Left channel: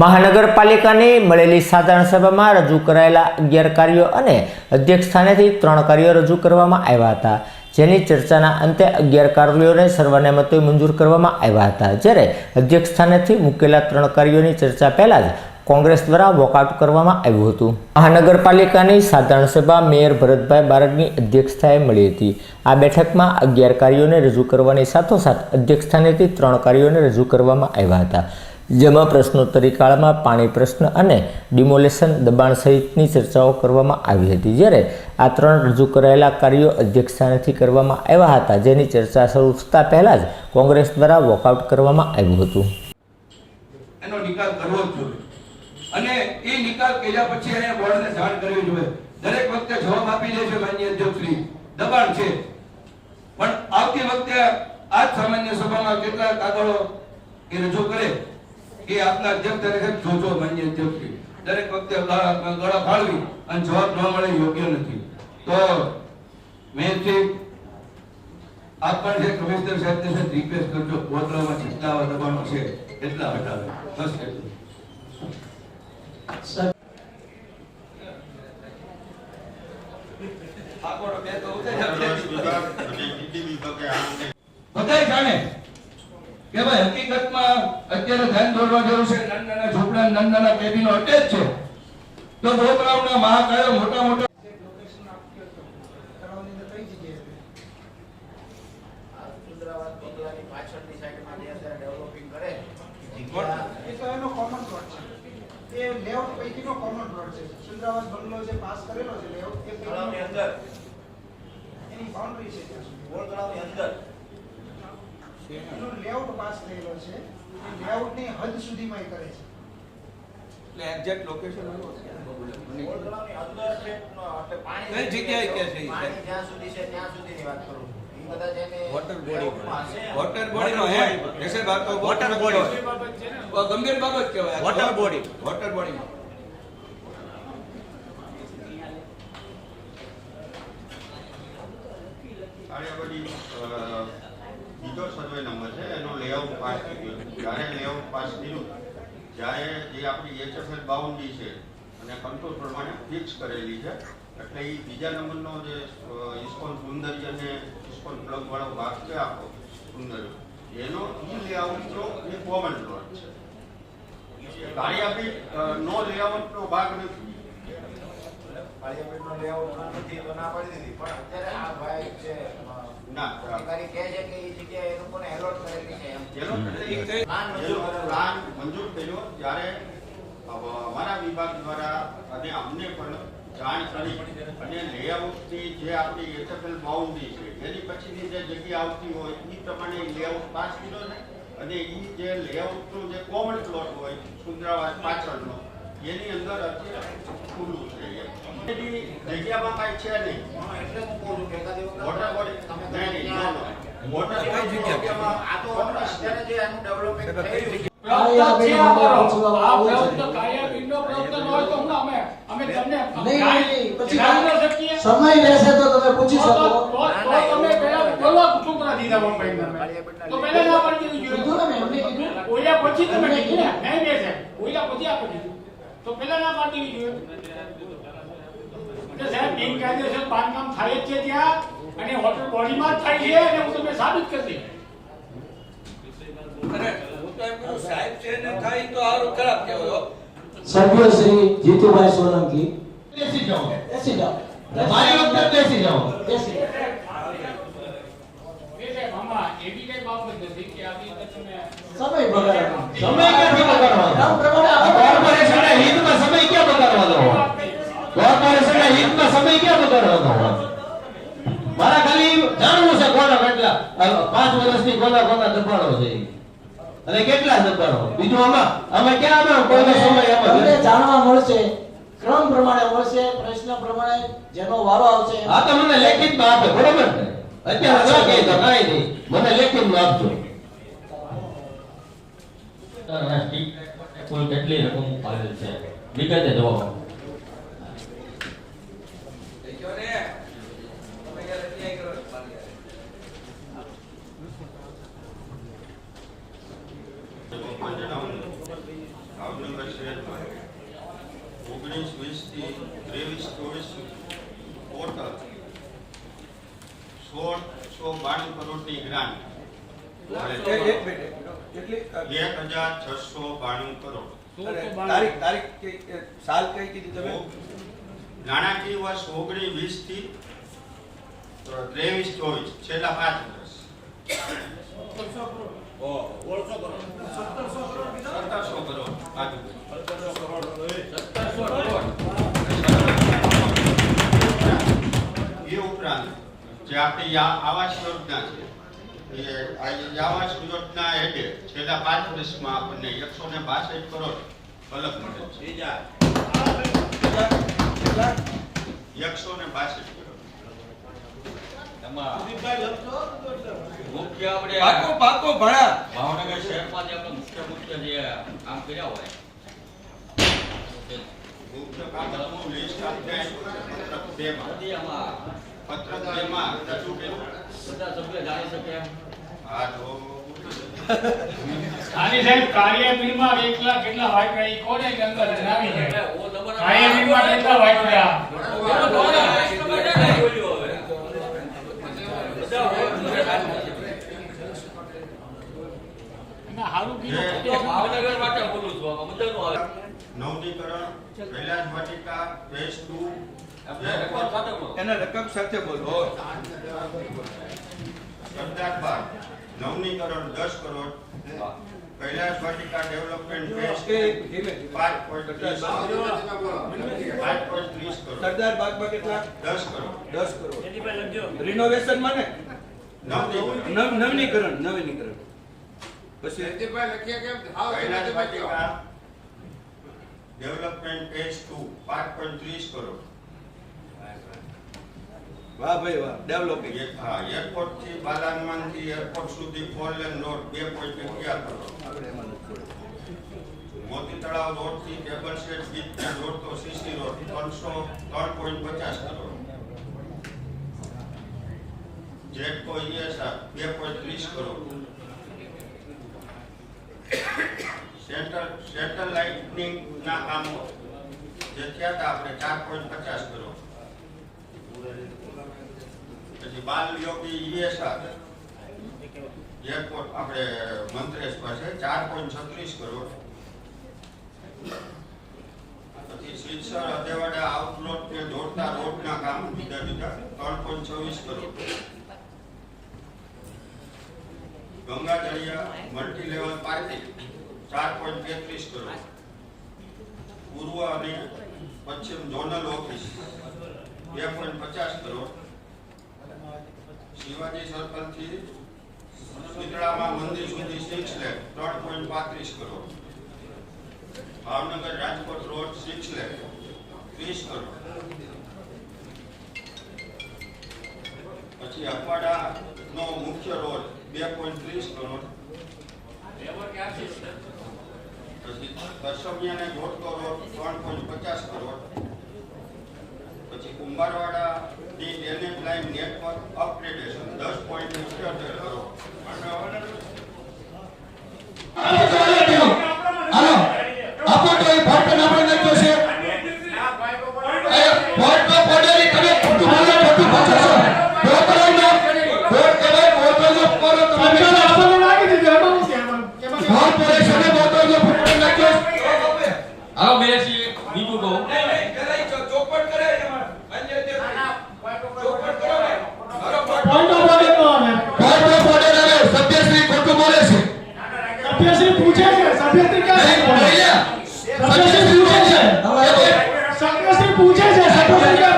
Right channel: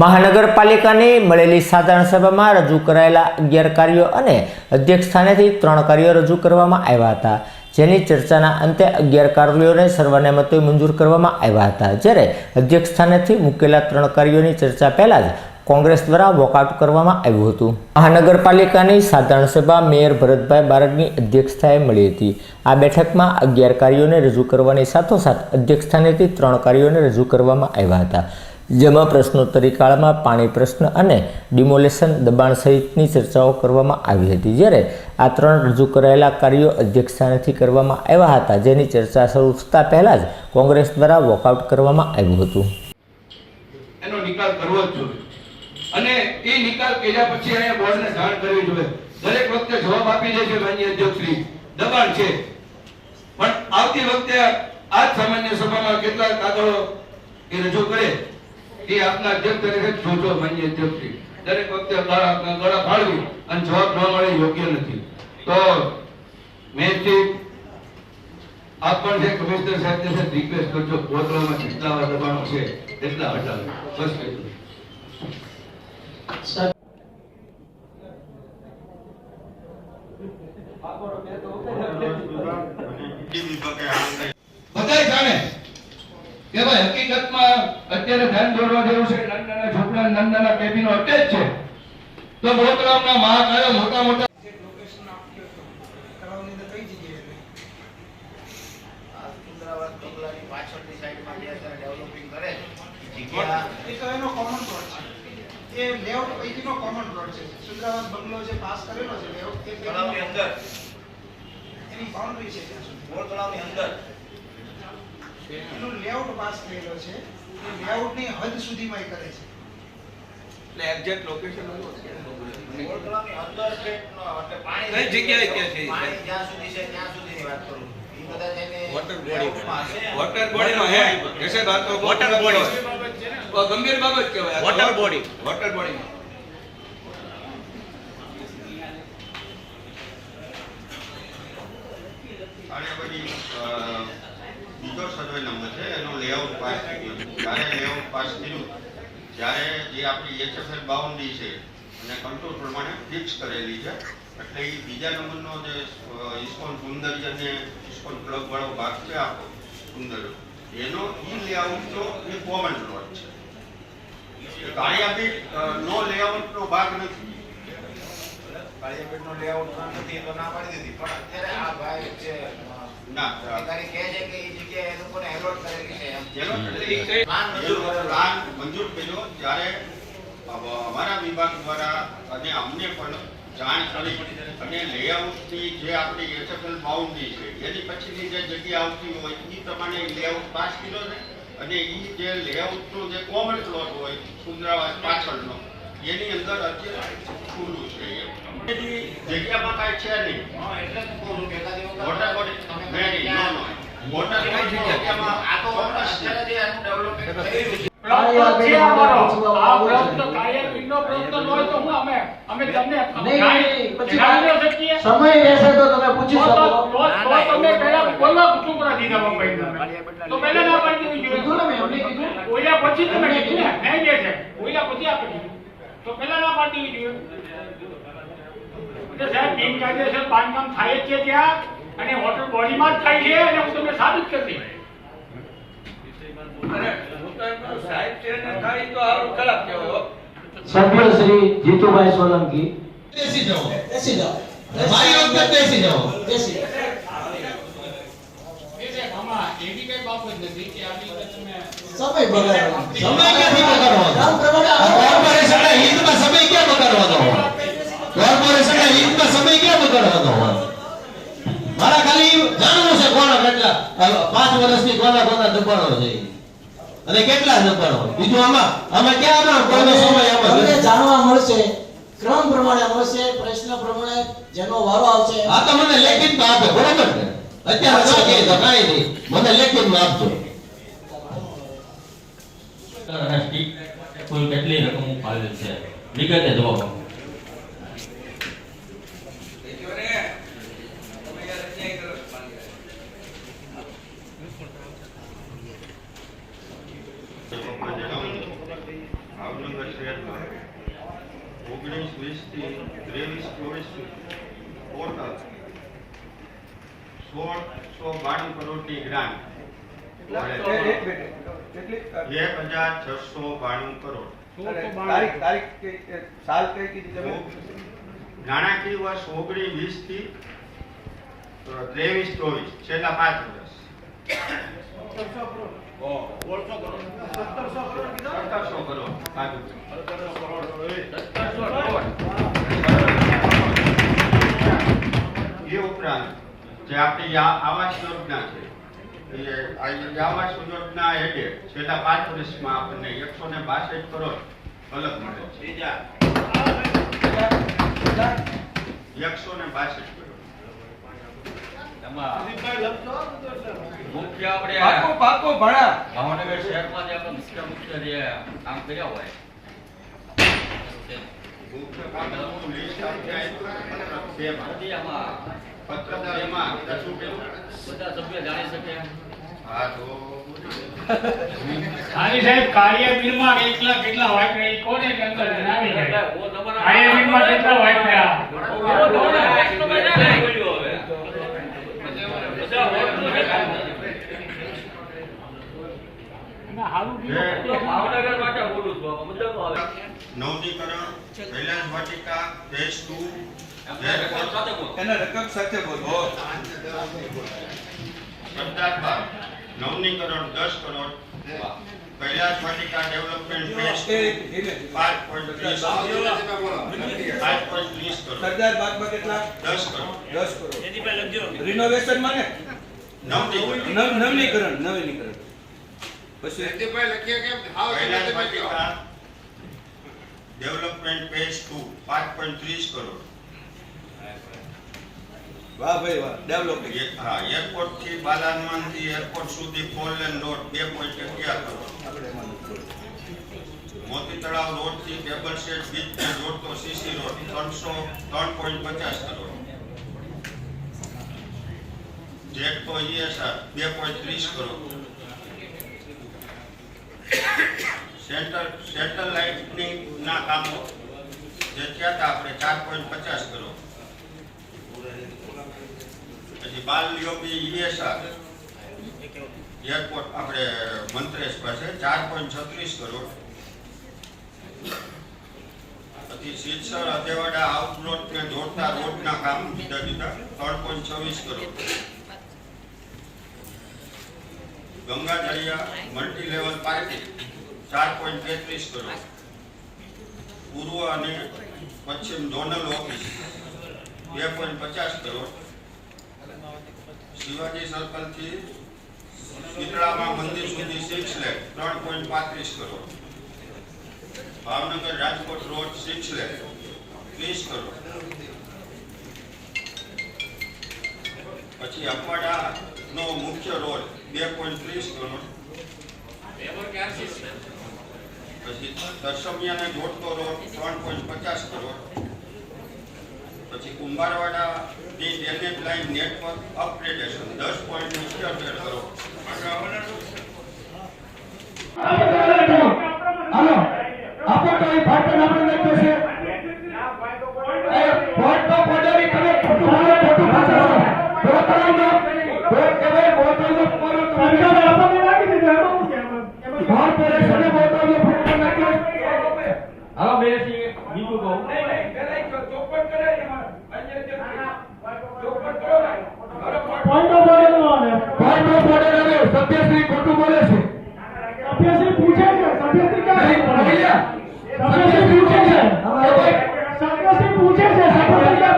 મહાનગરપાલિકાની મળેલી સાધારણ સભામાં રજૂ કરાયેલા અગિયાર કાર્યો અને અધ્યક્ષ સ્થાનેથી ત્રણ કાર્યો રજૂ કરવામાં આવ્યા હતા, જેની ચર્ચાના અંતે અગિયાર કાર્યોને સર્વાનુમતે મંજૂર કરવામાં આવ્યા હતા. જ્યારે અધ્યક્ષ સ્થાનેથી મૂકેલા ત્રણ કાર્યોની ચર્ચા પહેલા જ કોંગ્રેસ દ્વારા વોકઆઉટ કરવામાં આવ્યું હતું. મહાનગરપાલિકાની સાધારણ સભા મેયર ભરતભાઈ બારડની અધ્યક્ષતાએ મળી હતી. આ બેઠકમાં અગિયાર કાર્યોને રજૂ કરવાની સાથોસાથ અધ્યક્ષ સ્થાનેથી ત્રણ કાર્યોને રજૂ કરવામાં આવ્યા હતા. જેમાં પ્રશ્નોત્તરી કાળમાં પાણી પ્રશ્ન અને ડિમોલેશન દબાણ સહિતની ચર્ચાઓ કરવામાં આવી હતી. જ્યારે આ ત્રણ રજૂ કરાયેલા કાર્યો અધ્યક્ષ સ્થાનેથી કરવામાં આવ્યા હતા, જેની ચર્ચા શરૂ થતાં પહેલાં જ કોંગ્રેસ દ્વારા વોકઆઉટ કરવામાં આવ્યું હતું. એનો નિકાલ કરવો જ જોઈએ. અને એ નિકાલ કર્યા પછી અહીંયા બોર્ડને જાણ કરવી જોઈએ. દરેક વખતે જવાબ આપી દે છે માન્ય અધ્યક્ષશ્રી. દબાણ છે. પણ આવતી વખતે આ સામાન્ય સભામાં કેટલા કાગળો એ રજૂ કરે. એ આપના અધ્યક્ષ તરીકે જોજો માન્ય અધ્યક્ષશ્રી દરેક વખતે ગળા ફાળવી અને જવાબ ન મળે યોગ્ય નથી. તો મેં આપ પણ જે કમિશનર સાહેબને છે રિક્વેસ્ટ કરજો. કોતરામાં જેટલા દબાણો છે એટલા હટાવો. બસ એટલું. બધાય જાણે. કે ભાઈ હકીકતમાં અત્યારે ધ્યાન દોરવા જેવું છે નાના નાના ઝૂંપડા નાના નાના કેબિનો અટેચ છે તો બોતરામના મહાકાયો મોટા મોટા છે? છે, છે. છે. બંગલો જે પાસ કરેલો છે એની છે અંદર એનું લેઆઉટ પાસ થયેલો છે. એ layout ની હદ સુધીમાં એ કરે છે. અંદર એટલે પાણી કઈ જગ્યાએ કે છે? પાણી જ્યાં સુધી છે ત્યાં સુધીની વાત કરું વોટર બોડી layoutમાં હશે. વોટર બોડીમાં હે જશે વાત તો વોટર બોડી ગંભીર બાબત કહેવાય. વોટર બોડી વોટર બોડીમાં અને આ બધી અ, બીજો સર્વે નંબર છે, એનો લેઆઉટ પાસ જ્યારે લેઆઉટ પાસ થયું, જ્યારે જે આપણી એચએફએલ બાઉન્ડ્રી છે, અને કંટ્રોલ પ્રમાણે ફિક્સ કરેલી છે, એટલે એ બીજા નંબરનો જે ઇસ્કોન ઇસ્કોન છે અને ઇસ્કોન ક્લબ વાળો ભાગ છે આખો સુંદર એનો ઈ લેઆઉટનો એ કોમન પ્લોટ છે. કાળિયાપીઠ નો લેઆઉટનો ભાગ નથી. કાળિયાપેટનો લેઆઉટ નથી તો પણ અત્યારે આ ભાઈ ના. અધિકારી કહે છે કે એ જગ્યાએ એ લોકોને allot કરેલી છે એમ. જેનો પ્લાન મંજૂર પ્લાન મંજૂર કર્યો ત્યારે અમારા વિભાગ દ્વારા અને અમને પણ જાણ કરી અને લેઆઉટની જે આપણી એસએફએલ બાઉન્ડ્રી છે એની પછીની જે જગ્યા આવતી હોય એ પ્રમાણે લેઆઉટ પાસ કર્યો છે અને એ જે લેઆઉટનો જે કોમન પ્લોટ હોય સુંદરાવાસ પાછળનો એની અંદર અત્યારે ખુલ્લું છે એમ. જગ્યામાં કાંઈ છે નહીં. એટલે જ કહું કે વોટર બોડી તમે નહીં, નહીં, ત્યાં- no, no. વોટર બોડી જગ્યામાં? આ તો અત્યારે જે આનું development થયું છે. પ્રવૃત્તિ છે અમારો. આ પ્રવૃત્તિ કાર્યપીઠનો પ્રવૃત્તિ ન હોય તો હું અમે અમે તમને નહીં, પછી ગાઈ ન શકીએ. સમય રહેશે તો તમે પૂછી શકો. તો- તમે પહેલા. તો પહેલા ના પાડી કીધું ને મેં એમને કીધું. ઓઈલા પછી તમે કીધું ને નહીં બે છે. પછી આપી દીધું. તો પહેલા ના પાડી જોઈએ એટલે સાહેબ બિનકાયદેસર બાંધકામ થાય જ છે ત્યાં અને હોટલ બોડીમાં જ થાય છે અને હું તમને સાબિત કરી દઈશ. સભ્ય શ્રી જીતુભાઈ સોલંકી. બેસી જાઓ. બેસી જાઓ. મારી વખતે બેસી જાઓ. બેસી સમય બગાડવાનો. સમય ક્યાંથી બગાડવાનો? કામ પ્રમાણે આ આપણે- કોર્પોરેશનના હિતમાં સમય ક્યાં બગાડવાનો હોય કોર્પોરેશનના સમય ક્યાં હતો હોય મારા ખાલી જાણવું છે કોના કેટલા પાંચ વર્ષની કોના કોના દબાણો છે. અને કેટલા દબાણો? બીજું આમાં અમે ક્યાં આમાં કોઈનો સમય આમાં જાણવા મળશે ક્રમ પ્રમાણે મળશે પ્રશ્ન પ્રમાણે જેનો વારો આવશે. આ તો મને લેખિતમાં આપે બરોબર ને અત્યારે ના કહે તો કાંઈ નહીં. મને લેખિતમાં આપજો. રાષ્ટ્રીય કુલ કેટલી રકમ ફાળવેલ છે? વિગતે જવાબ આપો. એ જો ને તમે યાર અન્યાય કરો છો પાલિકા. ભાવનગર તેરમાં ઓગણીસ વીસથી ત્રેવીસ ચોવીસ સુધી ટોટલ સોળસો બાણું કરોડની ગ્રાન્ટ એક મિનિટ કેટલી એક હજાર છસો બાણું કરોડ તારીખ તારીખ કઈ સાલ કઈ કીધી તમે? નાણાકીય વર્ષ ઓગણીસ વીસથી ત્રેવીસ ચોવીસ છેલ્લા પાંચ વર્ષ. સત્તરસો કરોડ એ ઉપરાંત જે આપણી આવાસ યોજના છે એ આ આવાસ યોજના છેલ્લા પાંચ વર્ષમાં આપણને એકસો ને બાસઠ કરોડ અલગ મળે છે. એકસો ને બાસઠ મુખ્ય આપણે પાકો પાકો ભણા. ભાવનગર શહેરમાં જે આપણે મુખ્ય મુખ્ય જે કામ કર્યા હોય મુખ્ય કામોનું લિસ્ટ આપને પત્રક બે માં તે આમાં પત્રક બે માં રજૂ બધા સભ્ય જાણી શકે. હા તો આની સાહેબ કાર્યવીરમાં કેટલા કેટલા વાઇટ એ કોને અંદર જણાવી દે કાર્યવીરમાં કેટલા વાપર્યા અને હારું કીધું ભાવનગર માટે બોલું છું આમાં બધાનું આવે નવનીકરણ કૈલાસ વાટિકા ફેઝ ટુ આપણે રકમ સાથે બોલો. એના રકમ સાથે બોલો. સરદાર બાગ નવનીકરણ દસ કરોડ કૈલાસ વાટિકા ડેવલપમેન્ટ ફેઝ એ ટુ ધીમે ધીમે. પાંચ પોઈન્ટ ત્રીસ પાંચ પોઈન્ટ ત્રીસ કરોડ સરદાર બાગમાં કેટલા દસ કરોડ દસ કરોડ રિનોવેશનમાં ને નવનીકરણ નવ નવીનીકરણ નવીનીકરણ પછી Kailash Vatika development phase two પાંચ પોઈન્ટ ત્રીસ કરોડ વાહ ભાઈ વાહ ડેવલપિંગ હા એરપોર્ટથી બાલાનમનથી એરપોર્ટ સુધી ફોર લેન રોડ બે પોઈન્ટ અગિયાર કરોડ આપણે એમાં નથી મોતી તળાવ રોડથી ટેબલ સેટ બીચ રોડ તો સીસી રોડ ત્રણસો ત્રણ પોઈન્ટ પચાસ કરોડ જેટકો ઈએસઆર બે પોઈન્ટ ત્રીસ કરોડ સેન્ટર સેટેલાઇટની ના કામો. જે થયા હતા આપણે ચાર પોઈન્ટ પચાસ કરોડ પછી બાલ યોગી ઈએસઆર એરપોર્ટ આપણે મંત્રેશ પાસે ચાર પોઈન્ટ છત્રીસ કરોડ. પછી સિલસર અધેવાડા આઉટલોટ ને જોડતા રોડના કામ જુદા જુદા, ત્રણ પોઈન્ટ છવ્વીસ crore. Ganga Dariya multi level parking ચાર પોઈન્ટ તેત્રીસ કરોડ. પૂર્વ અને પશ્ચિમ ઝોનલ ઓફિસ, બે પોઈન્ટ પચાસ કરોડ. શિવાજી સર્કલથી શીતળામાં મંદિર સુધી સિક્સ લેખ ત્રણ પોઈન્ટ પાંત્રીસ કરોડ. ભાવનગર રાજકોટ રોડ સિક્સ લેખ ત્રીસ કરોડ. પછી અખવાડા નો મુખ્ય રોડ બે પોઈન્ટ ત્રીસ કરોડ. પછી દર્શમિયાને જોડતો રોડ ત્રણ પોઈન્ટ પચાસ કરોડ. પછી કુંભારવાડા ની ડેનેજ લાઇન નેટવર્ક અપગ્રેડેશન દસ પોઈન્ટ ઇઠ્યોતેર કરોડ સભ્યશ્રી પૂછે છે સભ્યશ્રી ક્યાં ભૈયા સભ્યશ્રી પૂછે છે. સભ્યશ્રી પૂછે છે સભ્યશ્રી ક્યાં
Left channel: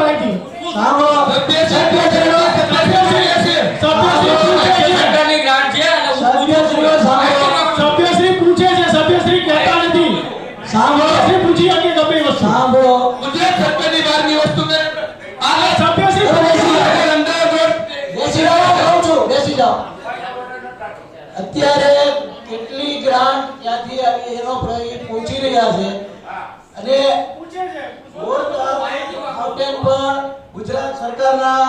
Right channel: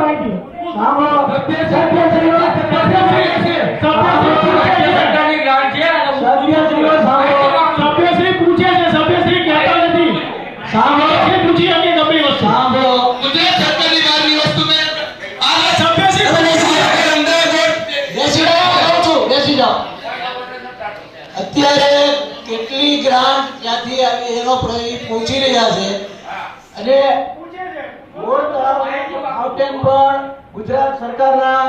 ક્યાંથી આવી એનો પૂછી રહ્યા છે. અને પૂછે છે પણ ગુજરાત સરકારના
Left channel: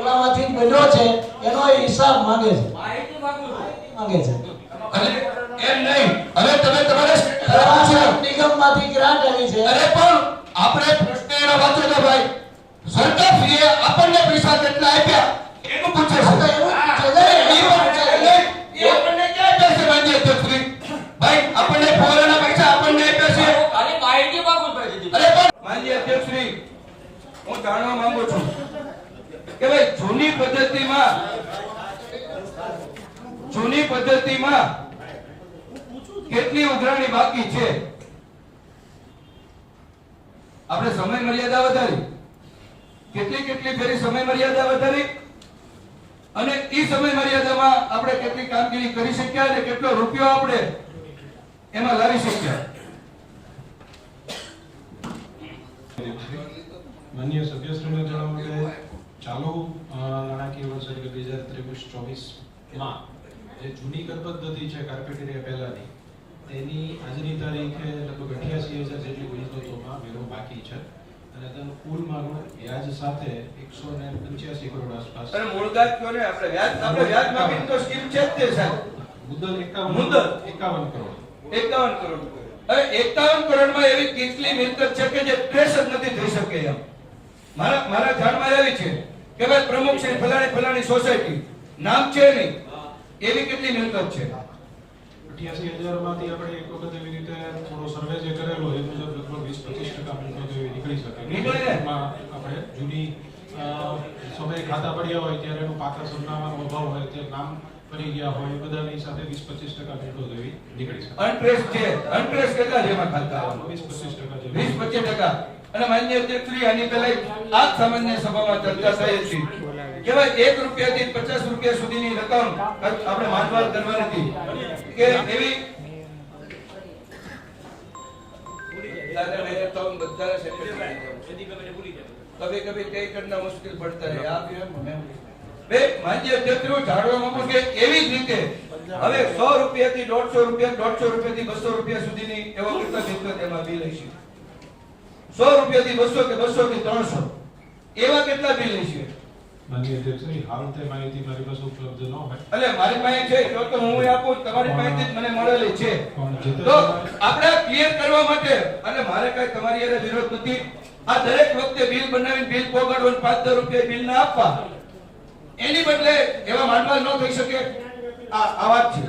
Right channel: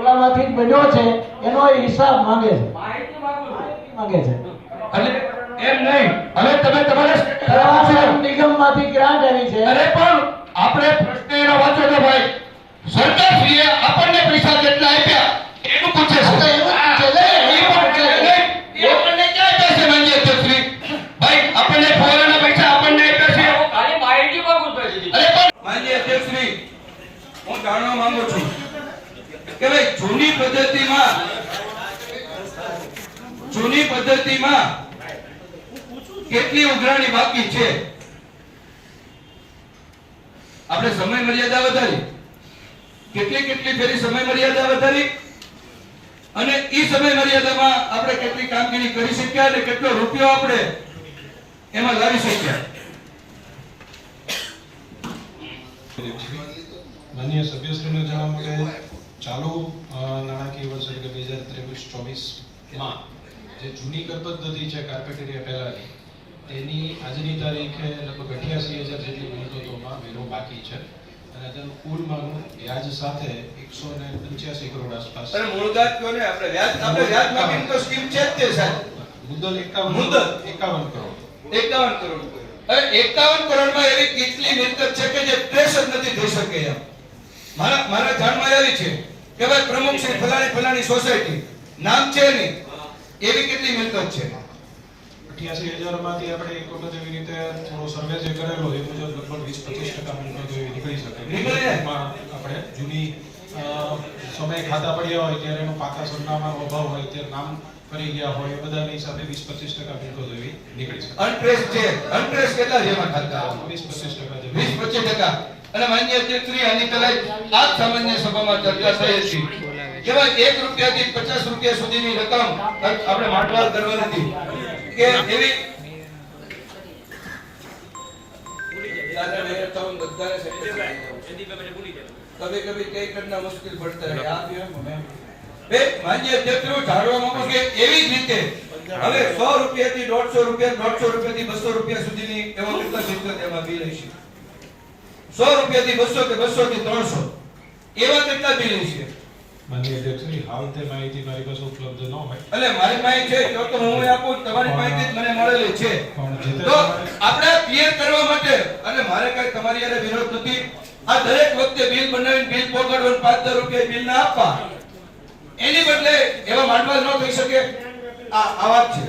ઓલામાંથી બન્યો છે એનો હિસાબ માંગે છે. માંગે છે. એમ નહીં. હવે તમે તમારા નિગમમાંથી ગ્રાન્ટ અરે પણ આપણે પ્રશ્ન એનો વાંચો તો ભાઈ. સરકારશ્રીએ આપણને પૈસા કેટલા આપ્યા? જાણવા માંગુ છું કે ભાઈ જૂની પદ્ધતિમાં જૂની પદ્ધતિમાં કેટલી ઉઘરાણી બાકી છે? આપણે સમય મર્યાદા વધારી. કેટલી કેટલી ફેરી સમય મર્યાદા વધારી? અને એ સમય મર્યાદામાં આપણે કેટલી કામગીરી કરી શક્યા અને કેટલો રૂપિયો આપણે એમાં લાવી શક્યા? માનનીય સભ્યશ્રીને જણાવું કે ચાલુ નાણાકીય વર્ષ એટલે બે હજાર ત્રેવીસ ચોવીસમાં જે જૂની કર પદ્ધતિ છે કાર્પેટેરિયા પહેલાની તેની આજની તારીખે લગભગ અઠ્યાસી હજાર જેટલી મિલકતોમાં વેરો બાકી છે. અને તેનું કુલ માનું વ્યાજ સાથે એકસો ને પંચ્યાસી કરોડ આસપાસ. અને મૂળગાત કયો ને આપણે વ્યાજ આપણે વ્યાજ માફીની તો સ્કીમ છે જ સાહેબ? મુદ્દલ એકાવન મુદ્દલ? એકાવન કરોડ. એકાવન કરોડ હવે એકાવન કરોડમાં એવી કેટલી મિલકત છે કે જે ટ્રેસ જ નથી થઈ શકે એમ? મારા મારા જાણમાં આવી છે કે ભાઈ પ્રમુખ છે ફલાણી ફલાણી સોસાયટી. નામ છે નહીં. એવી કેટલી મિલકત છે? અઠ્યાસી હજારમાંથી આપણે એક વખત એવી રીતે થોડો સર્વે જે કરેલો એ મુજબ લગભગ વીસ પચીસ ટકા મિલકત એવી નીકળી શકે. આપણે જૂની સમય ખાતા પડ્યા હોય ત્યારે એનો પાકા સરનામાનો અભાવ હોય ત્યારે નામ કરી ગયા હોય એ બધાની સાથે 20 25% મિલકત એવી નીકળી શકે. અનટ્રેસ છે અનટ્રેસ કેટલા જેમાં ખાતા? 20 25% 20 25% અને માન્ય અધ્યક્ષ આની પહેલા આ સામાન્ય સભામાં ચર્ચા થઈ હતી. જેમાં એક રૂપિયાથી પચાસ રૂપિયા સુધીની રકમ આપણે માંડવાળ કરવાની હતી. કે એવી મુશ્કેલ પડતા હે જાણવા માંગુ કે એવી રીતે હવે સો રૂપિયા થી દોઢસો રૂપિયા, દોઢસો રૂપિયાથી બસો રૂપિયા સુધીની એવા પુસ્તક એમાં બી રહી 100 રૂપિયાથી બસો કે બસો થી 300 એવા કેટલા બિલ હશે માનનીય અધ્યક્ષશ્રી હાલ તે માહિતી મારી પાસે ઉપલબ્ધ ન હોય. એટલે મારી પાસે છે તો તો હું આપું તમારી માહિતી મને મળેલી છે. તે આપણે ક્લિયર કરવા માટે અને મારે કઈ તમારી હારે વિરોધ નથી. આ દરેક વખતે બિલ બનાવીને બિલ પોગાડવાનું પાંચ રૂપિયા બિલ ના આપવા. એની બદલે એવા માંડવા ન થઈ શકે. આ આ વાત છે.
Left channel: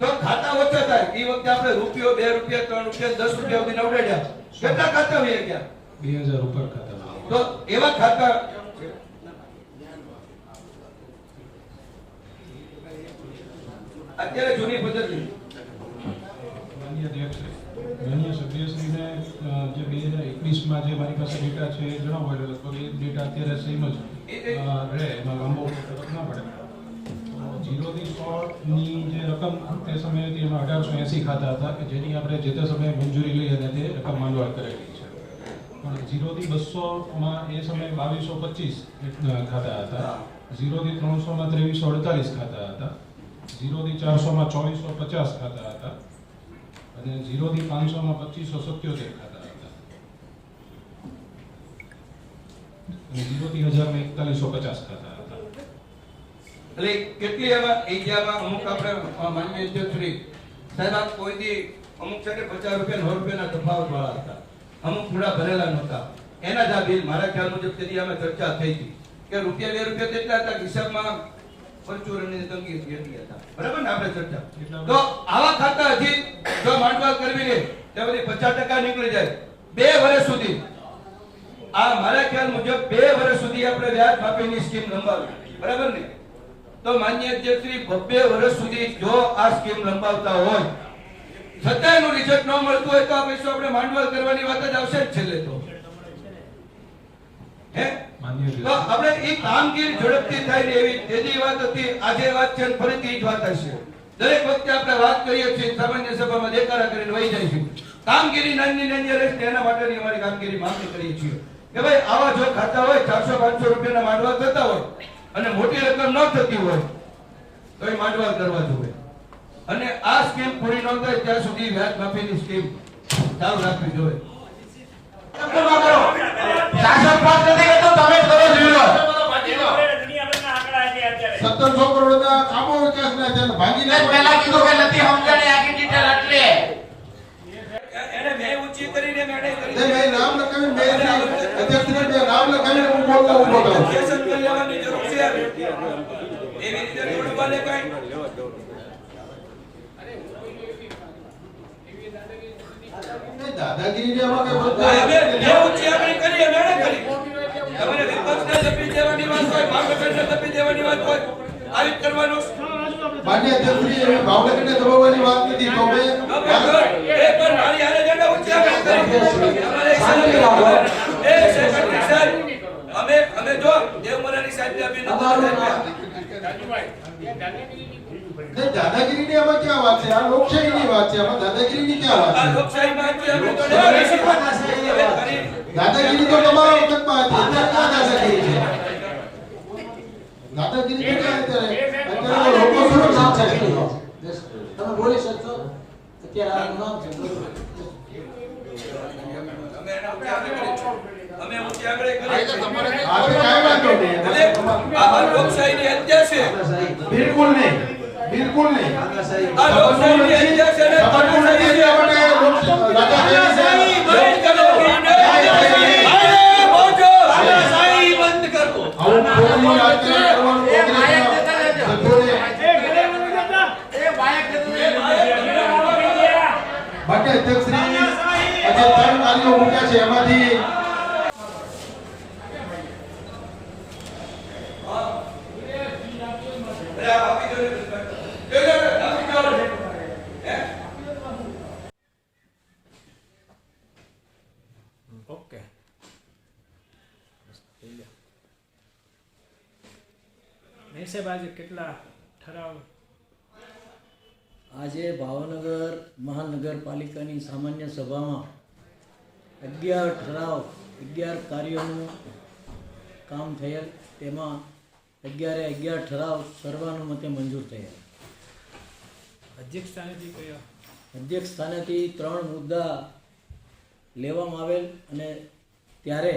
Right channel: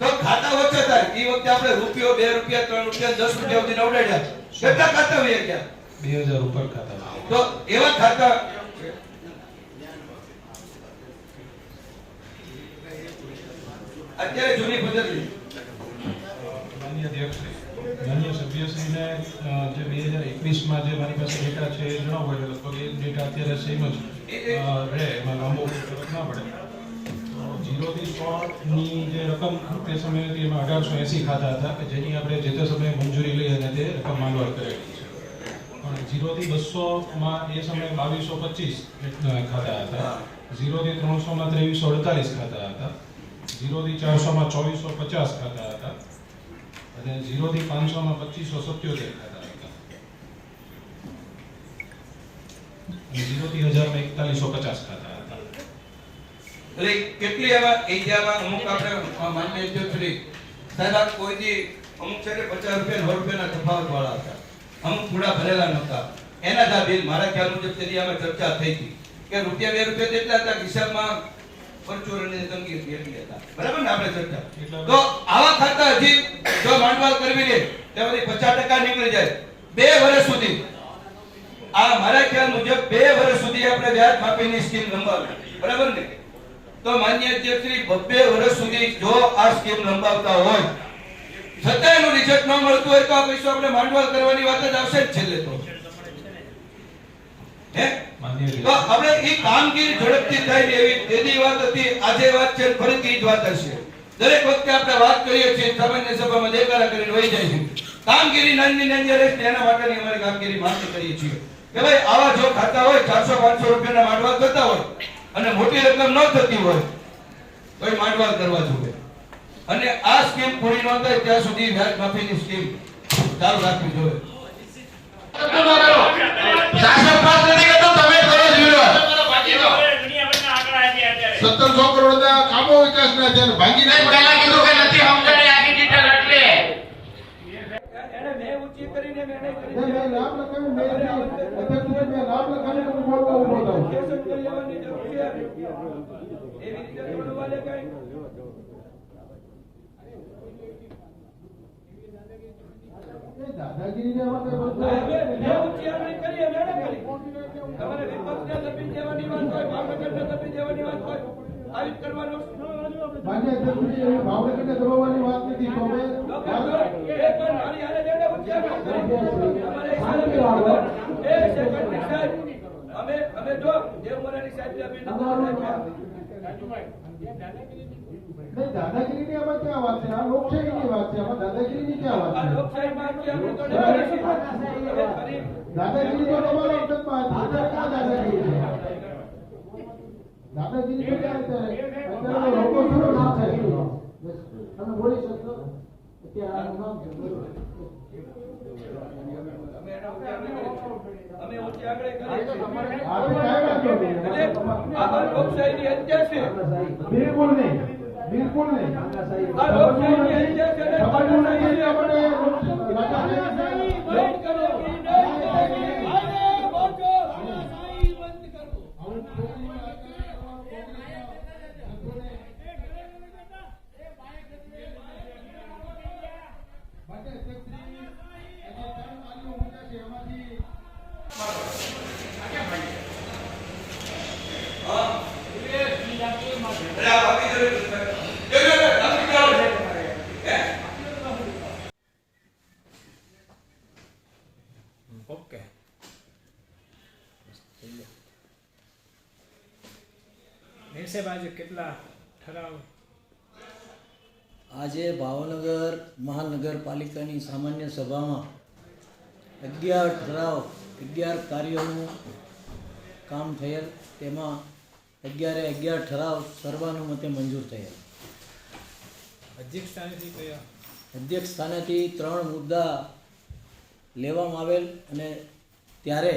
તો ખાતા ઓછા થાય. એ વખતે આપણે રૂપિયો બે રૂપિયા ત્રણ રૂપિયા દસ રૂપિયા સુધી નવડાડ્યા કેટલા ખાતા હોય ગયા બે હજાર ઉપર ખાતા તો એવા ખાતા અત્યારે જૂની પદ્ધતિ. માનનીય અધ્યક્ષશ્રી માનનીય સભ્યશ્રીને જે બે હજાર એકવીસમાં જે મારી પાસે ડેટા છે એ જણાવો એટલે લગભગ એ ડેટા અત્યારે સેમ જ રહે. એમાં લાંબો ના પડે. જીરોથી સોની જે રકમ તે સમયે હતી એમાં અઢારસો એંસી ખાતા હતા કે જેની આપણે જે તે સમયે મંજૂરી લઈ અને તે રકમ માંગવા કરેલી છે. પણ જીરોથી બસોમાં એ સમયે બાવીસો પચીસ ખાતા હતા. ઝીરોથી ત્રણસોમાં ત્રેવીસો અડતાલીસ ખાતા હતા. ઝીરોથી ચારસોમાં ચોવીસો પચાસ ખાતા હતા. અને ઝીરોથી પાંચસોમાં પચીસો સત્યોતેર ખાતા હતા. ઝીરોથી હજારમાં એકતાલીસો પચાસ ખાતા હતા. એટલે કેટલી આવા એરિયામાં અમુક આપણે માન્ય અધ્યક્ષશ્રી સાહેબ આ કોઈ દી અમુક છે કે પચાસ રૂપિયા સો રૂપિયાના તફાવત વાળા હતા. અમુક પૂરા ભરેલા નહોતા. એના જ આ બિલ મારા ખ્યાલ મુજબ તેની અમે ચર્ચા થઈ હતી કે રૂપિયા બે રૂપિયા જેટલા હતા હિસાબમાં પરચુરણની તંગી એટલી હતા. બરાબર ને આપણે ચર્ચા? તો આવા ખાતા હજી જો માંડવાલ કરવી ને તો બધી પચાસ ટકા નીકળી જાય. બે વર્ષ સુધી. આ મારા ખ્યાલ મુજબ બે વર્ષ સુધી આપણે વ્યાજ માફીની સ્કીમ લંબાવી. બરાબર ને? તો માન્ય અધ્યક્ષશ્રી બબ્બે વર્ષ સુધી જો આ સ્કીમ લંબાવતા હોય છતાં એનું રિઝલ્ટ ન મળતું હોય તો આ પૈસો આપણે માંડવાલ કરવાની વાત જ આવશે જ છેલ્લે તો. હે? તો આપણે એ કામગીરી ઝડપથી થાય ને એવી તેની વાત હતી આજે વાત છે ફરીથી જ વાત હશે. દરેક વખતે આપણે વાત કરીએ છીએ સામાન્ય સભામાં દેખાડા કરીને વહી જાય છે. કામગીરી નાની નાની રહેશે એના માટેની અમારી કામગીરી માંગણી કરીએ છીએ. કે ભાઈ આવા જો ખાતા હોય ચારસો પાંચસો રૂપિયાના માંડવા થતા હોય અને મોટી રકમ ન થતી હોય તો એ માંડવા કરવા જોઈએ. અને આ સ્કીમ પૂરી ન થાય ત્યાં સુધી વ્યાજ માફીની સ્કીમ ચાલુ રાખવી જોઈએ. છો. સત્તરસો એને મેં ઊંચી કરીને મેં નહીં કરી. તે મેં અધ્યક્ષ નામ લખાવીને હું બોલવા થાઉં છું. Objection કરી લેવાની જરૂર છે એવી રીતે થોડું બને કાંઈ ભાવનગરને દબાવવાની વાત મારી હારે જઈને ઉચ્ચારણી. તમારે ઈશારા કરવાનો. એ સેક્રેટરી સાહેબ, અમે જો દેવમરાની સાહેબને અભિનંદન નહીં, દાદાગીરીની આમાં ક્યાં વાત છે? આ લોકશાહીની વાત છે આમાં દાદાગીરીની ક્યાં વાત છે. હવે ફરી દાદાગીરી તો તમારા વખતમાં હતી અત્યારે ક્યાં દાદાગીરી છે? દાદાગીરી તો ક્યાં અત્યારે? અત્યારે લોકો શું સુરક્ષિત છે. તમે બોલી શકશો? અત્યારે આ નામ છે. અમે આપણે ઉચ્ચારણી અમે ઉચ્ચારણી કરી. આ તો કાઈ વાંધો નહીં એટલે આ લોકશાહીની હત્યા છે બિલકુલ નહીં બિલકુલ નહીં આ લોકશાહીની હત્યા છે ને સમજવું નથી એટલા માટે લોક- તાનાશાહી દાદાગીરી બંધ કરો. તાનાશાહી બંધ કરો. આવું આજે ત્રણ કાર્યો મૂક્યા છે એમાંથી અરે આ ભાભી જરૂર નથી. એ, એ, એ, આપી જાઓ. હે? ઓકે સાહેબ આજે કેટલા ઠરાવ આજે ભાવનગર મહાનગરપાલિકાની સામાન્ય સભામાં અગિયાર ઠરાવ અગિયાર કાર્યોનું કામ થયેલ. તેમાં અગિયારે અગિયાર ઠરાવ સર્વાનુમતે મંજૂર થયેલ. અધ્યક્ષ સ્થાનેથી કયા? અધ્યક્ષ સ્થાનેથી ત્રણ મુદ્દા લેવામાં આવેલ અને ત્યારે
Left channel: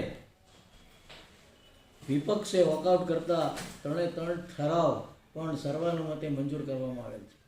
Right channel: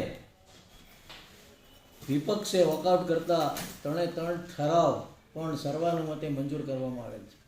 વિપક્ષે વોકઆઉટ કરતા ત્રણે ત્રણ ઠરાવ પણ સર્વાનુમતે મંજૂર કરવામાં આવેલ છે.